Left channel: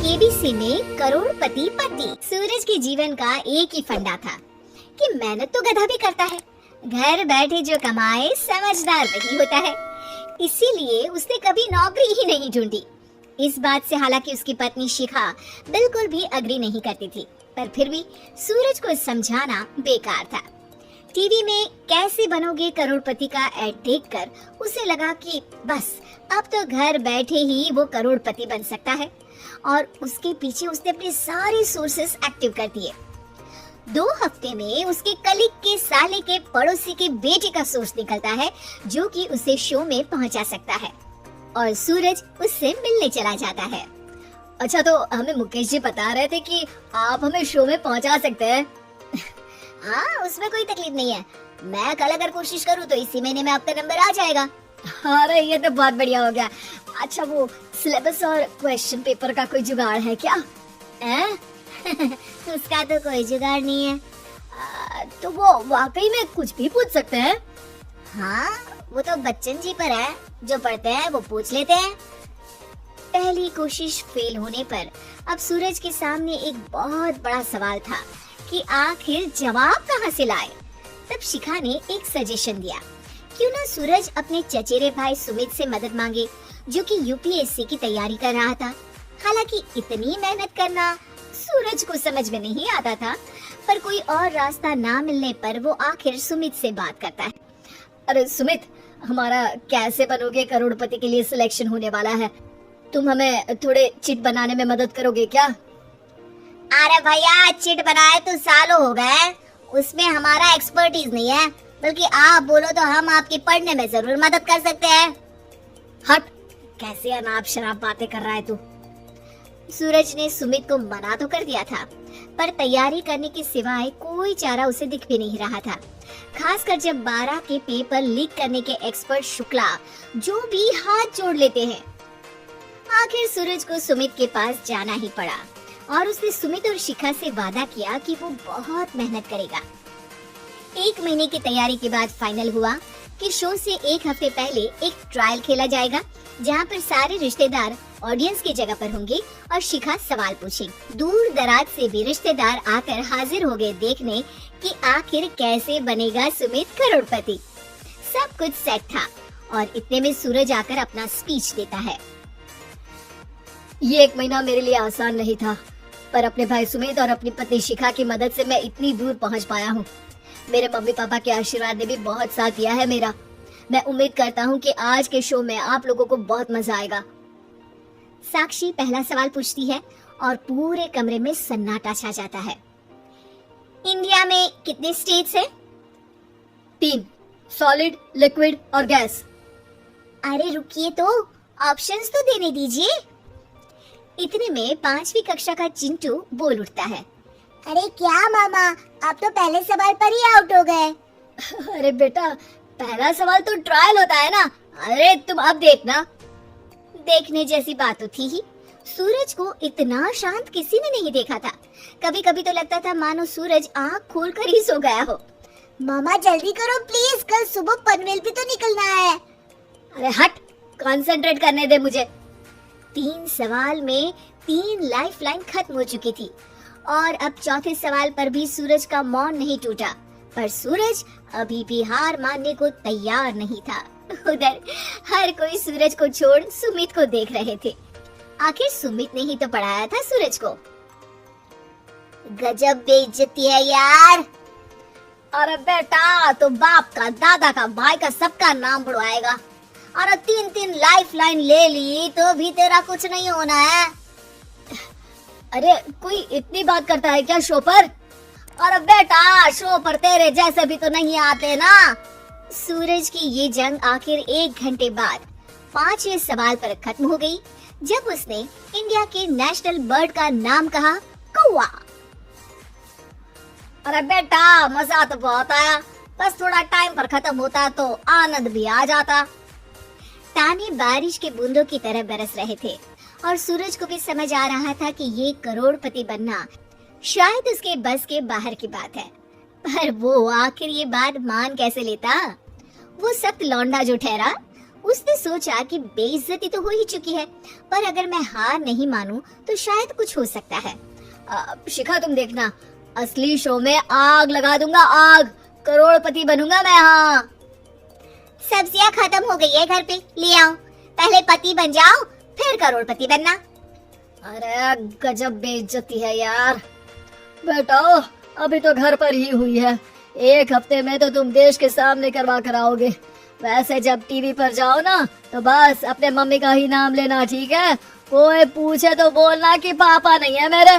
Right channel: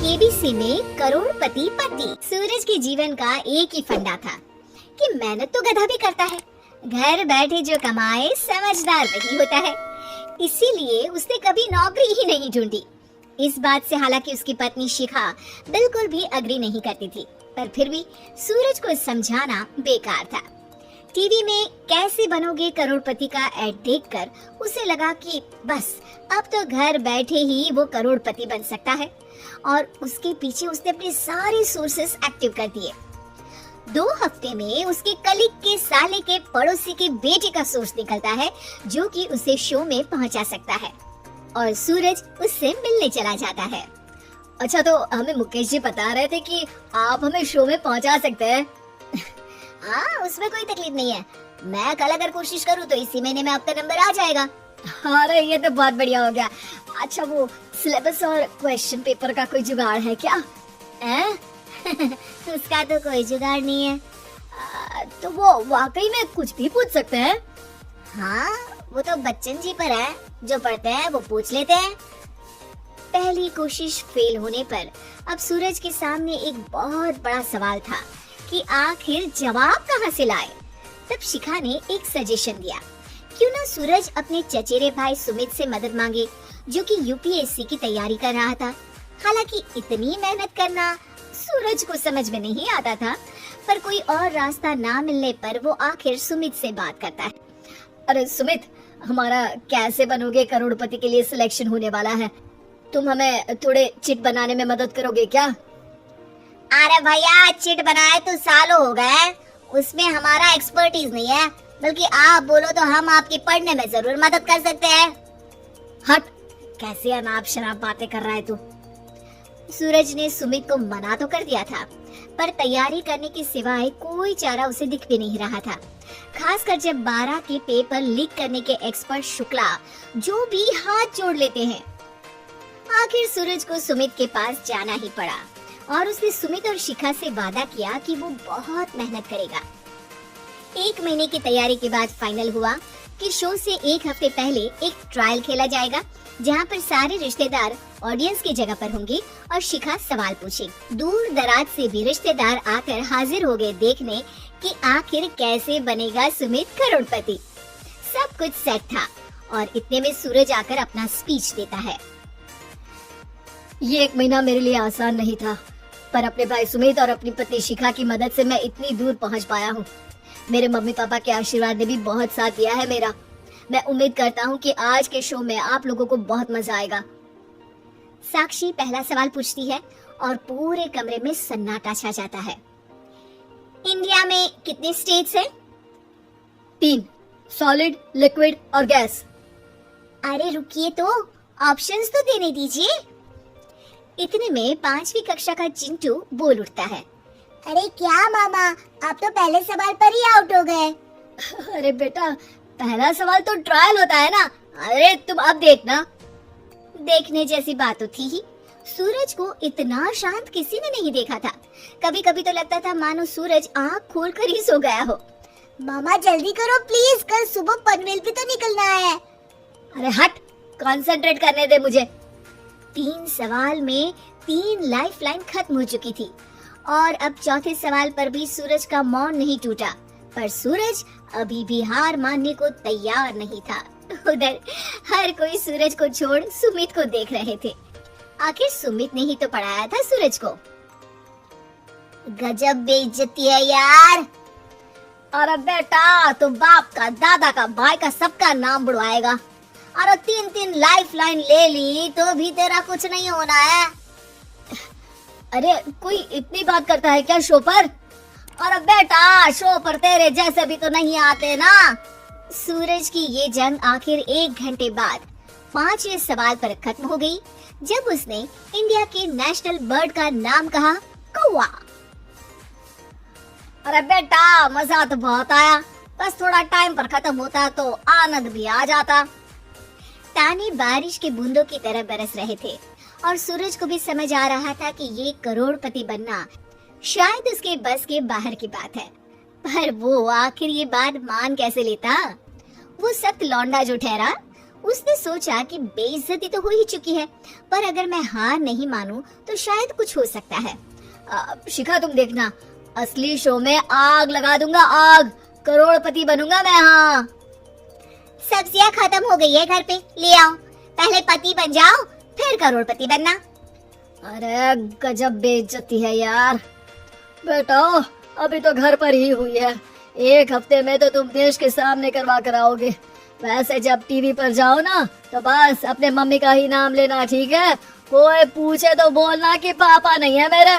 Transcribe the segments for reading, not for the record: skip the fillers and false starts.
KBC में करोड़पति पति। सूरज के जीवन का एक ही फंडा था कि मेहनत तो गधा भी करता है, घर बैठे जो कमाए समझदार वही होता है। इसीलिए उसने कभी नौकरी ही नहीं ढूंढी। इस बात से हालांकि उसकी पत्नी शिखा बिल्कुल भी अग्री नहीं करती थी, पर फिर भी सूरज को समझाना बेकार था। टीवी में कैसे बनोगे करोड़पति का ऐड देखकर उसे लगा कि बस अब तो घर बैठे ही वो करोड़पति बन सकता है, और उसके पीछे उसने अपने सारे सोर्सेस एक्टिव कर दिए। 2 हफ्ते में उसके कलीग के साले के पड़ोसी के बेटे का सोर्स निकलता है जो कि उसे शो में पहुंचा सकता है, और सूरज उससे मिलने चला जाता है। अच्छा, तो हमें मुकेश जी बता रहे थे कि आप हमें शो में पहुंचा सकते हैं। हाँ, उसमें कोई तकलीफ नहीं है। मैं कल अगर कोशिश करूँ तो इसी महीने में आपका नंबर आ जाएगा। अरे ये तो बहुत बढ़िया हो गया। अच्छा, वो सिलेबस और क्वेश्चन पेपर का कोई जुगाड़ है क्या? उसका तो कोई जुगाड़ नहीं है। तो वो वाकई में कुछ भी पूछ सकते हैं? हाँ, वो तो बच्चन जी पर है, जो पढ़ते हैं वो पूछ लेते हैं। पहली कोशिश फेल होने पर अब सूरज के सामने एक बहुत बड़ा सवाल था कि आखिर जवाब कहाँ से लाए। तब शिखा ने एक सजेशन दिया, क्यों ना सूरज अपने चचेरे भाई सुमित से मदद मांगे, जो कि यूपीएससी की तैयारी कर रहा था। हालांकि इतनी मेहनत करना सूरज को समझ में नहीं आता था, पर कोई और रास्ता ना मिलने पर वो आखिर सुमित से बात करता है। अरे सुमित, हमारा कैसे बनोगे करोड़पति के लिए सिलेक्शन होने वाला है, तुम हमें थोड़े चिट बनाने में मदद करोगे क्या? अरे भैया, चिट बनाए तो सालों हो गए, उसमें हमारा एक्सपर्टीज नहीं है, बल्कि आप बोलो तो हम आपके पढ़ने में जरूर मदद कर सकते हैं। हट, कैसे अनाप शनाप बातें कर रहा है तू? सूरज ने सुमित को मना तो कर दिया था, पर तैयारी करने के सिवाय कोई चारा उसे दिख भी नहीं रहा था। खासकर जब 12 के पेपर लीक करने के एक्सपर्ट शुक्ला जो भी हाथ जोड़ लेते हैं। आखिर सूरज को सुमित के पास जाना ही पड़ा, और उसने सुमित और शिखा से वादा किया कि वो बहुत मेहनत करेगा। 1 महीने की तैयारी के बाद फाइनल हुआ कि शो से 1 हफ्ते पहले एक ट्रायल खेला जाएगा, जहां पर सारे रिश्तेदार ऑडियंस की जगह पर होंगे और शिखा सवाल पूछेगी। दूर दराज से भी रिश्तेदार आकर हाजिर हो गए देखने कि आखिर कैसे बनेगा सुमित करोड़पति। सब कुछ सेट था, और इतने में सूरज आकर अपना स्पीच देता है। ये 1 महीना मेरे लिए आसान नहीं था, पर अपने भाई सुमित और अपनी पत्नी शिखा की मदद से मैं इतनी दूर पहुंच पाया हूँ। मेरे मम्मी पापा के आशीर्वाद ने भी बहुत साथ दिया है मेरा। मैं उम्मीद करता हूँ कि आज के शो में आप लोगों को बहुत मजा आएगा। साक्षी पहला सवाल पूछती है और पूरे कमरे में सन्नाटा छा जाता है। इंडिया में कितने स्टेट्स हैं? 3, सॉलिड, लिक्विड और गैस। अरे रुकिए, तो ऑप्शंस तो देने दीजिए। इतने में 5वीं कक्षा का चिंटू बोल उठता है। अरे क्या मामा, आप तो पहले सवाल पर ही आउट हो गए। अरे बेटा, पहला सवाल तो ट्रायल होता है ना। अरे तुम अब देखना। देखने जैसी बात तो थी ही। सूरज को इतना शांत किसी ने नहीं देखा था। कभी कभी तो लगता था मानो सूरज आँख खोल कर ही सो गया हो। मामा जल्दी करो प्लीज, कल सुबह पनवेल पे तो निकलना है। अरे हट, कंसंट्रेट करने दे मुझे। 3 सवाल में 3 लाइफलाइन खत्म हो चुकी थी, और अब चौथे सवाल पर भी सूरज का मौन नहीं टूटा। पर सूरज अभी भी हार मानने को तैयार नहीं था। उधर हर कोई सूरज को छोड़ सुमित को देख रहे थे। आखिर सुमित ने ही तो पढ़ाया था सूरज को। गजब बेइज्जती है यार। अरे बेटा, तो बाप का, दादा का, भाई का, सबका नाम बुड़वाएगा। अरे 3 लाइफलाइन ले ली तो भी तेरा कुछ नहीं होना है। अरे कोई इतनी बात करता है क्या शो पर? अरे बेटा, शो पर तेरे जैसे भी तो नहीं आते ना। सूरज की ये जंग आखिर 1 घंटे बाद 5वें सवाल पर खत्म हो गई, जब उसने इंडिया के नेशनल बर्ड का नाम कहा, कौवा। अरे बेटा, मजा तो बहुत आया, बस थोड़ा टाइम पर खत्म होता तो आनंद भी आ जाता। ताने बारिश के बूंदों की तरह बरस रहे थे, और सूरज को भी समझ आ रहा था कि ये करोड़पति बनना शायद उसके बस के बाहर की बात है। पर वो आखिर ये बात मान कैसे लेता? वो सख्त लौंडा जो ठहरा, उसने सोचा कि बेइज्जती तो हो ही चुकी है, पर अगर मैं हार नहीं मानूं तो शायद कुछ हो सकता है। शिखा तुम देखना, असली शो में आग लगा दूंगा, आग, करोड़पति बनूंगा मैं। हाँ, सब्जियां खत्म हो गई है घर पे, ले आओ, पहले पति बन जाओ फिर करोड़पति बनना। अरे गजब बेइज्जती है यार। बेटा अभी तो घर पर ही हुई है, 1 हफ्ते में तो तुम देश के सामने करवा कर आओगे। वैसे जब टीवी पर जाओ ना तो बस अपने मम्मी का ही नाम लेना, ठीक है? कोई पूछे तो बोलना कि पापा नहीं है मेरे।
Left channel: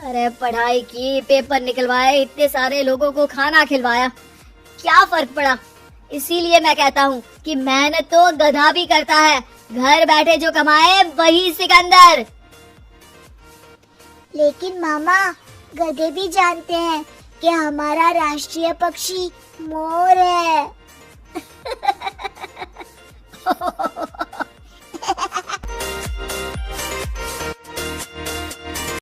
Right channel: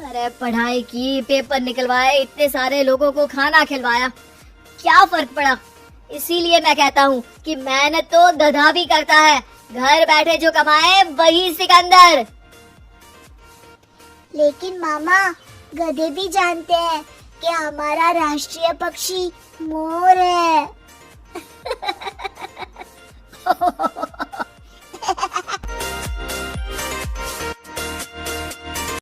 अरे पढ़ाई की, पेपर निकलवाए, इतने सारे लोगों को खाना खिलवाया, क्या फर्क पड़ा? इसीलिए मैं कहता हूँ कि मेहनत तो गधा भी करता है, घर बैठे जो कमाए वही सिकंदर। लेकिन मामा, गधे भी जानते हैं कि हमारा राष्ट्रीय पक्षी मोर है।